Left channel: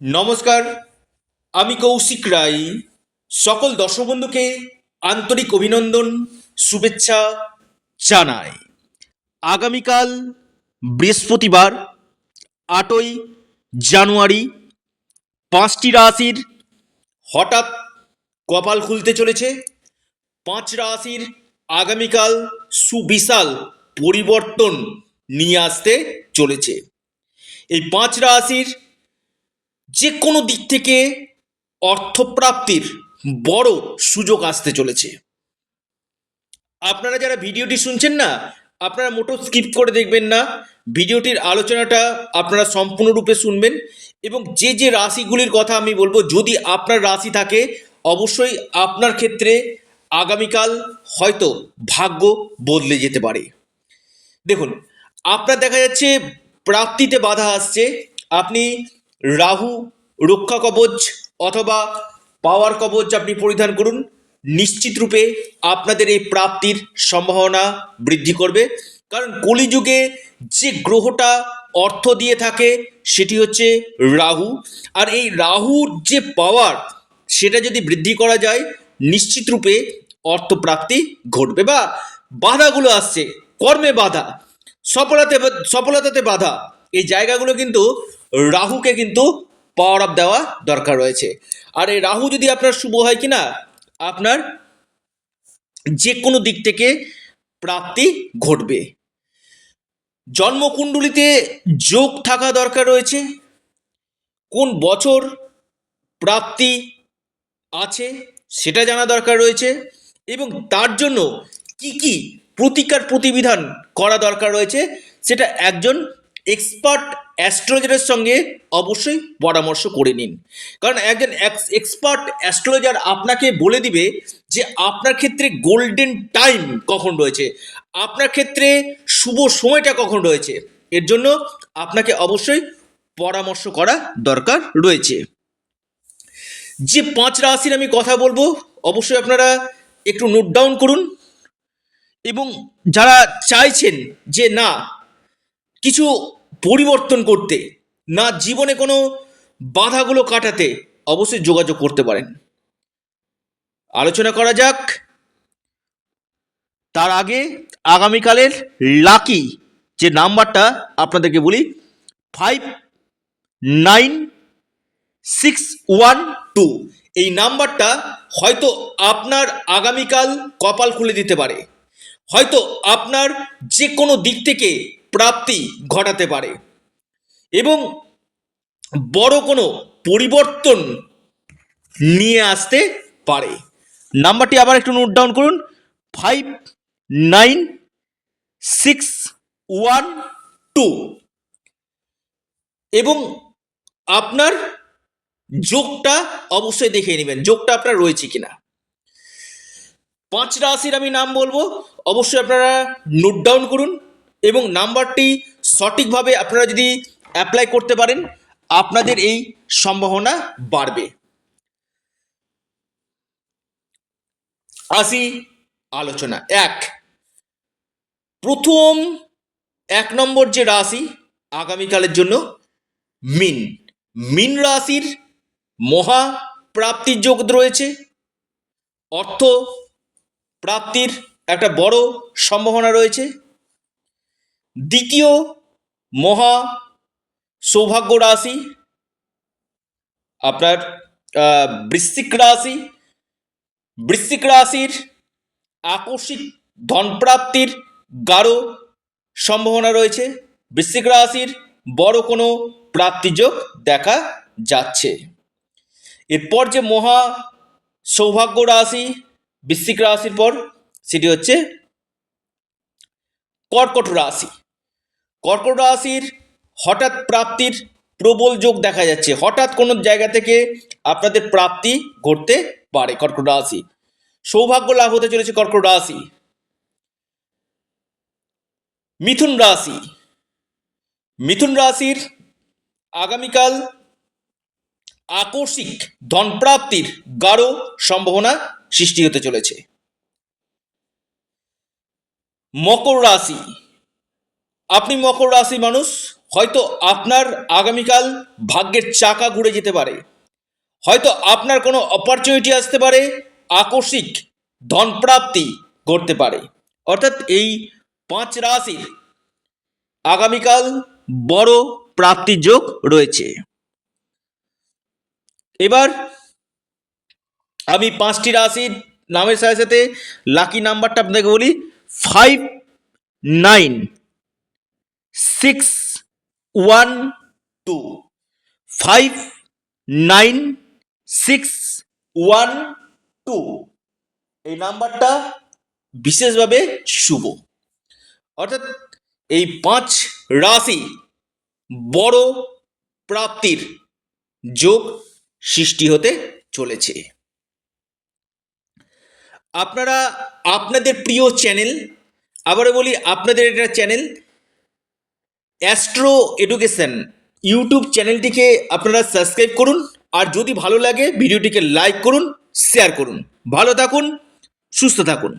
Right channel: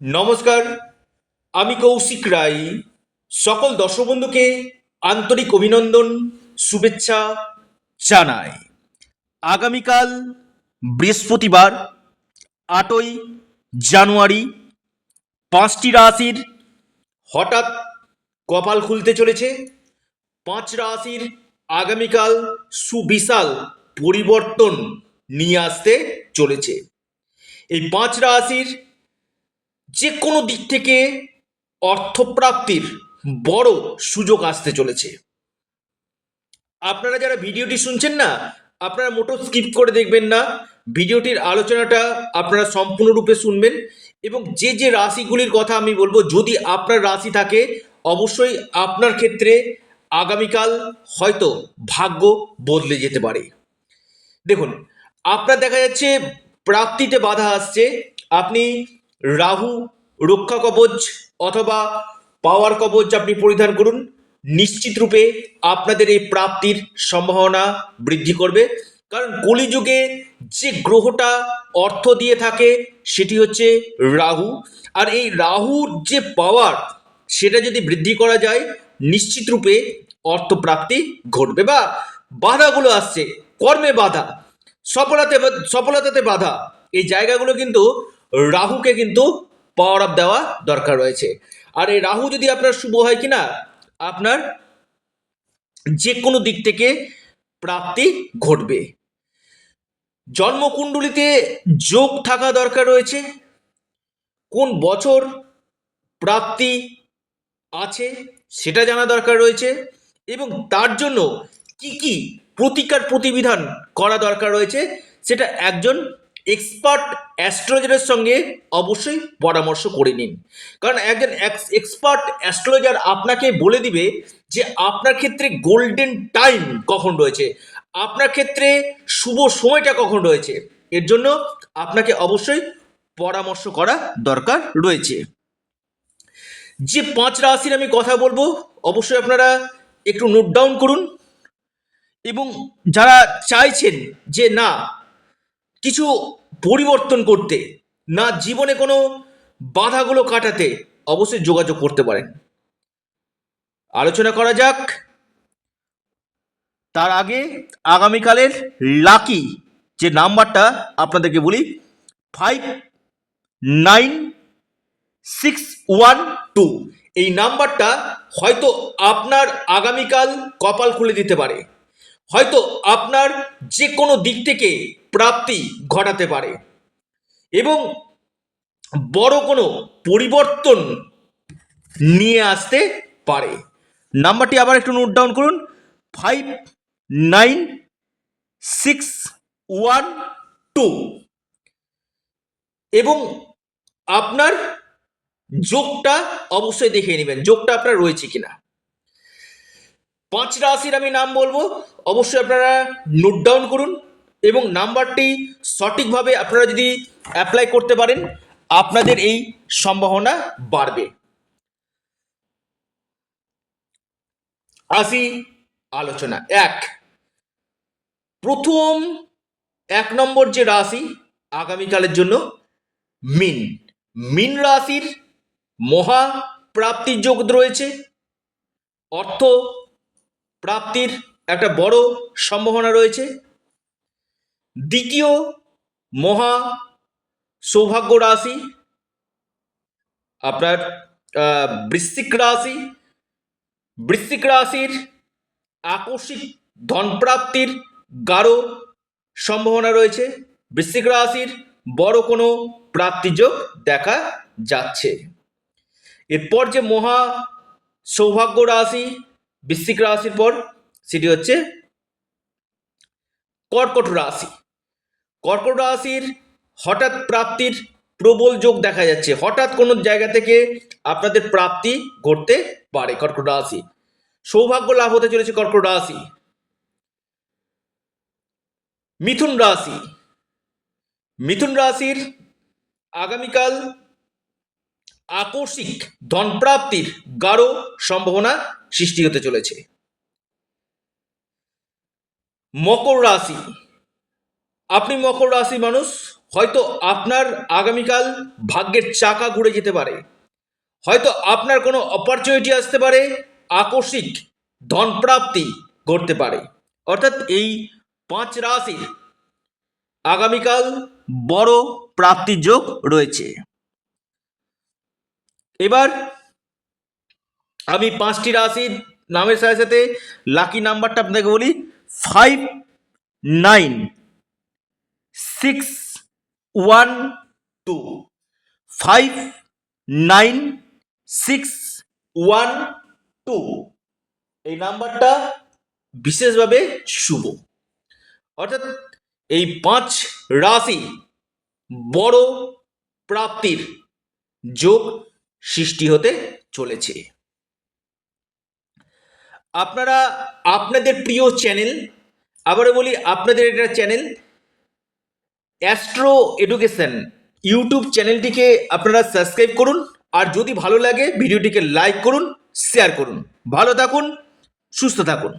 নমস্কার, আমি কৌশিক রায়। সকল দর্শক বন্ধুকে আন্তরিক অভিনন্দন, শুভেচ্ছা জানাই। আগামীকাল বৃহস্পতিবার 8ই জানুয়ারি 5টি রাশির হঠাৎ কপাল খুলতে চলেছে। 5 রাশির আগামীকাল সুবিশাল পরিবর্তন নিয়ে আসতে চলেছে। এই 5 রাশির যে কোনো দিক থেকে অর্থপ্রাপ্তির বড় সুযোগ আসতে চলেছে। আপনারা যারা ভিডিওটি শুনছেন না, আপনারা মোটো স্কিপ করে দেখবেন না। ভিডিওটির আলোচনাটা আপনারা সম্পূর্ণরূপে শুনবেন এবং যে যে রাশিগুলির কথা আমি বলবো, যদি আপনার রাশি থাকে অবশ্যই আপনার ক্ষেত্রে আগামীকাল হয়তো ভাগ্য বদলে যেতে পারে। দেখুন, আপনার দেখা যাচ্ছে প্রাপ্তিতে বাধা আসছে। আপনি রাহু রক্ষা কবচ অথবা পাওয়ার কবচ আপনি পরিধান করুন, নিশ্চিত রূপে আপনাদের এই প্রাপ্তির সম্ভাবনা বৃদ্ধি করবে। কারণ কলিযুগে যে গ্রহটা অর্থ দিয়ে থাকে সেটি হচ্ছে রাহু। আর এই রাহুর যে পাওয়ার, সেটা যদি বৃদ্ধি করা যায় নিশ্চিত রূপে অর্থপ্রাপ্তি ঘটবে। বা বাধাগুলো আসছে, কর্মে বাধা, সফলতাতে বাধা, এই জায়গাগুলো কিন্তু রাহুকে কিন্তু পাওয়ার আপ দেওয়া দরকার রয়েছে। আর এই রাহু যদি আপনার শুভ হয় কিনা, আপনার যে কোনো দিক থেকে প্রাপ্তি ঘটবে। জন্মকুণ্ডলিতে যোগ থাকা দরকার রয়েছে। কোন বছর প্রাপ্তি আছে সেটা জানা দরকার রয়েছে এবং তার জন্য কি কি প্রতিকার প্রতিবিধান করা দরকার রয়েছে সেটা একজন এক্সপার্ট অ্যাস্ট্রোলজারের সঙ্গে অবশ্যই পরামর্শ করে নিন। কারণ একজন এক্সপার্ট অ্যাস্ট্রোলজার আপনাকে বলে দিবে যে আপনার ক্ষেত্রে গোল্ডেন টাইম কখন রয়েছে, আপনার ক্ষেত্রে শুভ সময়টা কখন রয়েছে। এর জন্য আপনাকে অবশ্যই পরামর্শ করা দরকার রয়েছে। যে 5 রাশির আমি কথা বলবো অবশ্যই আপনারা একটু নোট ডাউন করুন এবং যারা চাইছেন যে না কিছু পরিবর্তন করতে, না জীবনে কোনো বাধাগুলো কাটাতে, অবশ্যই যোগাযোগ করতে পারেন। আলোচনা করা যাক। তার আগে আগামীকালের লাকি যে নাম্বারটা আপনাদেরকে বলি, 596112। এই নাম্বারটা হয়তো আপনার আগামীকাল কপাল খুলে দিতে পারে, হয়তো আপনার যে কোনো দিক থেকে প্রাপ্তি ঘটাতে পারে এবং বড় কোনো পরিবর্তন নিয়ে আসতে পারে। নাম্বারটি আবার একটু নোট ডাউন করুন, 596112। এবং আপনার যোগটা অবশ্যই দেখে নেবেন, যোগটা আপনার রয়েছে কিনা। 5 রাশির আমি নাম বলবো, অবশ্যই আপনারা নোট ডাউন করুন এবং নাম্বারটি সঠিকভাবে আপনারা যদি অ্যাপ্লাই করতে পারেন আপনাদের এই সম্ভাবনা বাড়বে। আসি আলোচনা। প্রথম 1 নম্বর যে রাশি আগামীকালের জন্য মিন। মিন রাশির মহা প্রাপ্তির যোগ রয়েছে। অর্থ প্রাপ্তির একটা বড় সম্ভাবনা রয়েছে। দ্বিতীয় মহা সৌভাগ্য রাশি আপনার বৃশ্চিক রাশি। বৃশ্চিক রাশির আকস্মিক ধনপ্রাপ্তির গাঢ় সম্ভাবনা রয়েছে। বৃশ্চিক রাশির বড় কোনো প্রাপ্তিযোগ দেখা যাচ্ছে। এরপর যে মহা সৌভাগ্য রাশি বৃশ্চিক রাশির পর, সেটি হচ্ছে কর্কট রাশি। কর্কট রাশির হঠাৎ প্রাপ্তির প্রবল যোগ দেখা যাচ্ছে। হঠাৎ কোনো জায়গা থেকে আপনাদের প্রাপ্তি ঘটতে পারে। কর্কট রাশি সৌভাগ্য লাভ হতে চলেছে। কর্কট রাশি। মিথুন রাশি। মিথুন রাশির আগামীকাল আকস্মিক ধনপ্রাপ্তির গাঢ় সম্ভাবনা সৃষ্টি হতে চলেছে। মকর রাশি। আপনি মকর রাশি মানুষ, হয়তো আপনার আগামীকাল ভাগ্যের চাকা ঘুরে যেতে পারে, হয়তো আপনার কোনো অপরচুনিটি আসতে পারে, আকস্মিক ধনপ্রাপ্তি ঘটতে পারে। অর্থাৎ এই 5 রাশির আগামীকাল বড় প্রাপ্তির যোগ রয়েছে। এবার আমি 5টি রাশির নামের সাথে সাথে লাকি নাম্বারটা আপনাকে বলি। 5, 9, 6, 1, 2। 5, 9, 6, 1, 2 এই নাম্বারটা বিশেষভাবে শুভ। অর্থাৎ এই 5 রাশি বড় প্রাপ্তির যোগ সৃষ্টি হতে চলেছে। আপনারা আপনাদের প্রিয় চ্যানেল, আবারও বলি আপনাদের এটা চ্যানেল অ্যাস্ট্রো এডুকেশন ইউটিউব চ্যানেলটিকে আপনারা সাবস্ক্রাইব করুন, আর যদি ভালো লাগে ভিডিওটিকে লাইক করুন, শেয়ার করুন। ভালো থাকুন, সুস্থ থাকুন।